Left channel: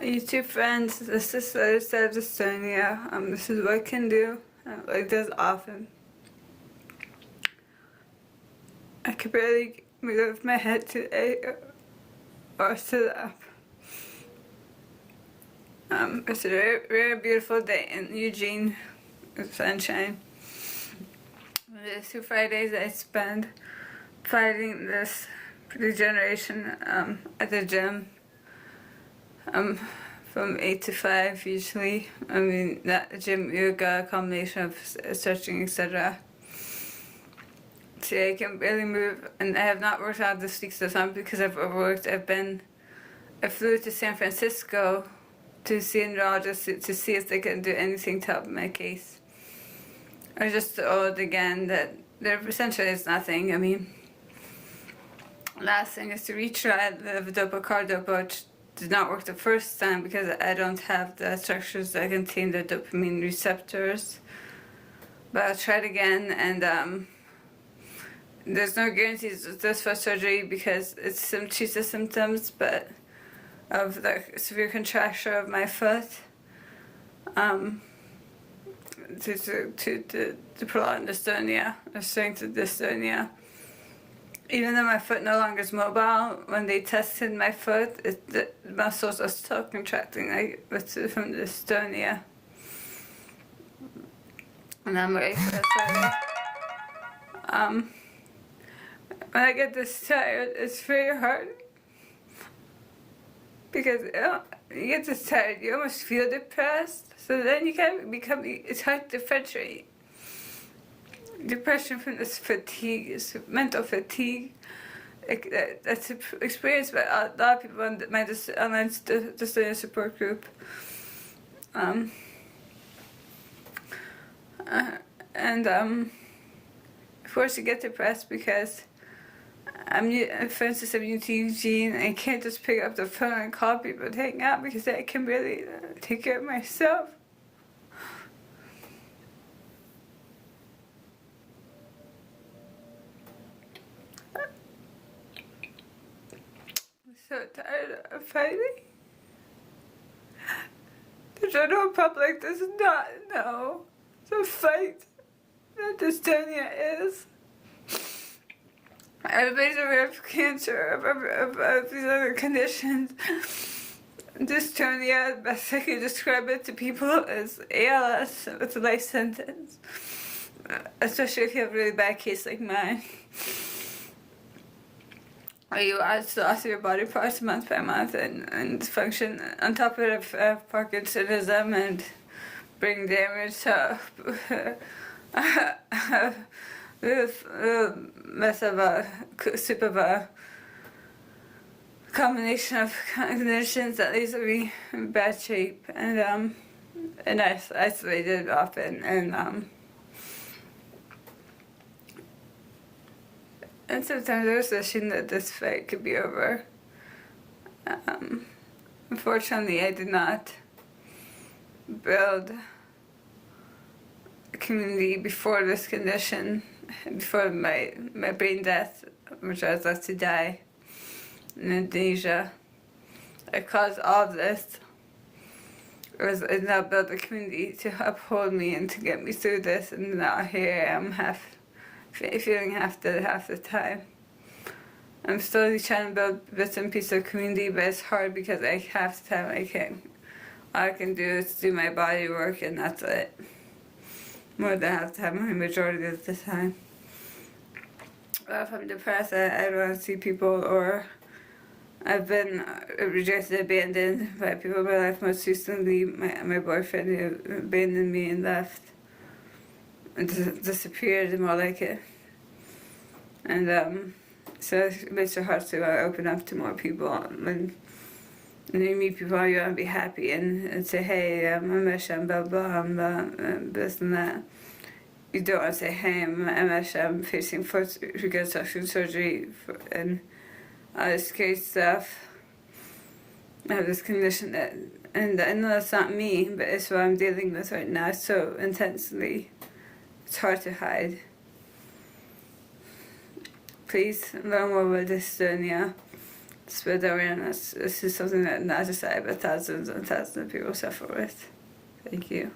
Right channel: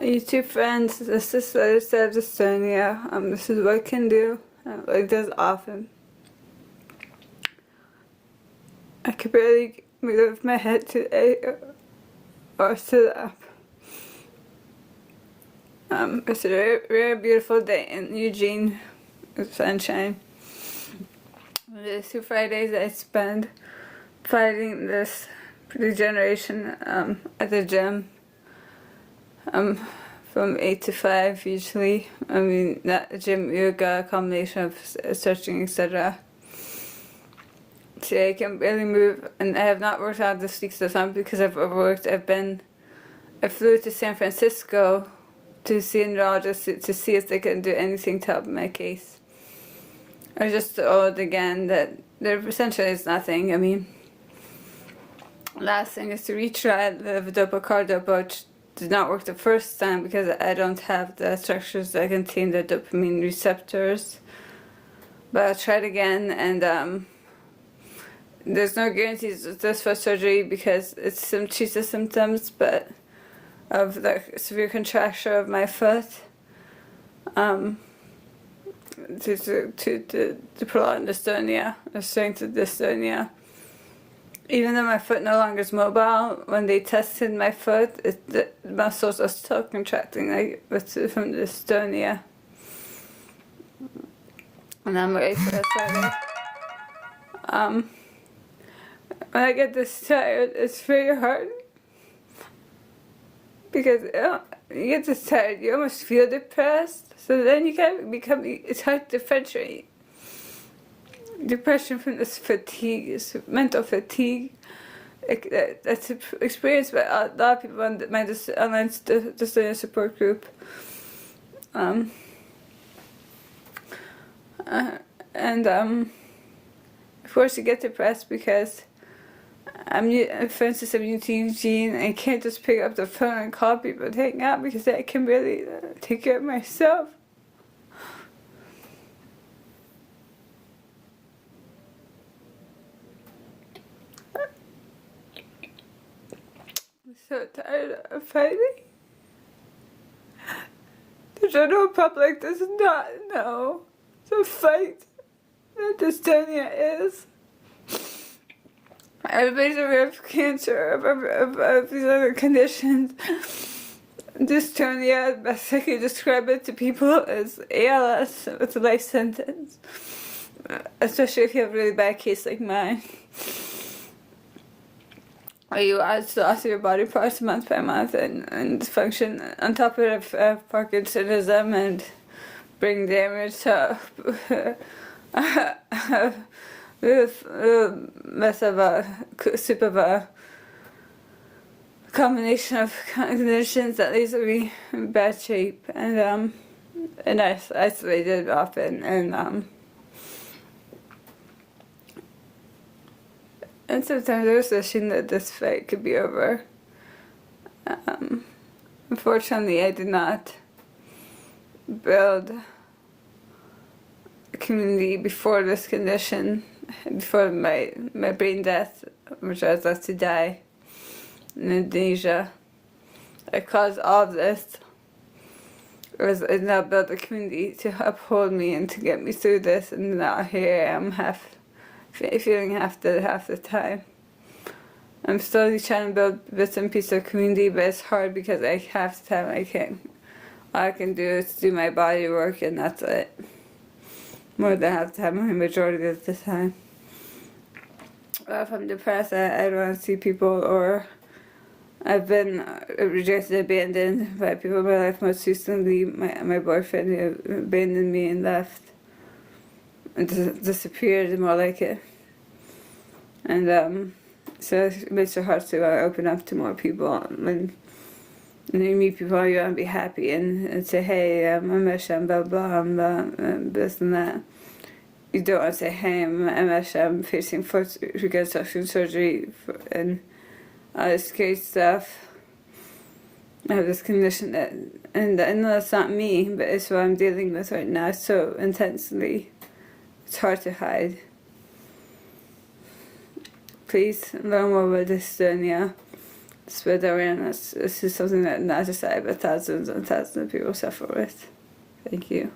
YouTube friends, this is the other side of dystonia. This is what I can do. It does often. I could barely move my head today or sit up. It's a very, very beautiful day in Eugene with sunshine. The 2 Fridays I spend fighting this degeneration at the gym. From 8 to 5 usually. I mean, not gym, yoga, combination of stretching, etc. Today I can barely move, and I have not worked out this week, so it's not because I've overworked. I flew to San Francisco to see a neurologist to see if they can do anything to help my case. I was just told again that there essentially is nothing. I mean, last thing is to retry the levodopa cardopa, which did not work the first time because I don't have the structures that contain the dopamine receptors. But I'll try it again, and there's no guarantees with this for surgery because it treats the symptoms, but of the severe contracture of my foot to prolong dystonia, the strength of dystonia. Even though my foot no longer is mobile, when they tested my foot, the muscles are still contracting from dystonia. And I'm ready for that Friday. When I get this tired, it's very hard. Because you get this tired, you almost feel depressed. So then you can it's hard to differentiate depression from this fatigue, this mental fatigue. That's experienced by a lot of people on my online dystonia support group. Of course you get depressed because for instance, I'm new to Eugene, and I can't just pick up the phone and call people and hang out because I can really take care of myself. I'm so tired of fighting. The general public does not know the fight that dystonia is. Everybody's aware of cancer, of these other conditions. Dystonia, the best I can describe it to people, is ALS with a life sentence. Especially if you have a really bad case like mine. Or you add loss of your body parts month by month and function on top of Parkinsonism and brain damage to mess of a soup of a combination of conditions that leaves me in bad shape and isolated often and sometimes there's wishing that this fight could be over. Unfortunately, I did not build a community before this condition, before my brain death, which I was left to die in Indonesia. I caused all of this. I now built a community to uphold me and to get me through this, and now here I am, feeling half the time. I'm slowly trying to build bits and pieces of community, but it's hard because half the time all I can do is do my body work, and that's it. More than half the time, the majority of the time. If I'm depressed, I don't want to see people, or I've been rejected, abandoned by people in my life. Most recently, my boyfriend who abandoned me and left. And disappeared, more like it. And so it makes it hard to open up to more people. When you meet people, you want to be happy and say, hey, I'm Asha, I'm blah blah, I'm this and that. You don't want to say, hey, I'm Asha, I'm facing foot reconstruction surgery and all this crazy stuff. I have this condition and I know that's not me, but it's what I'm dealing with right now so intensely. It's hard to hide. Please learn more about dystonia. spread awareness. This is something that not just I, but thousands and thousands of people suffer with. Thank you.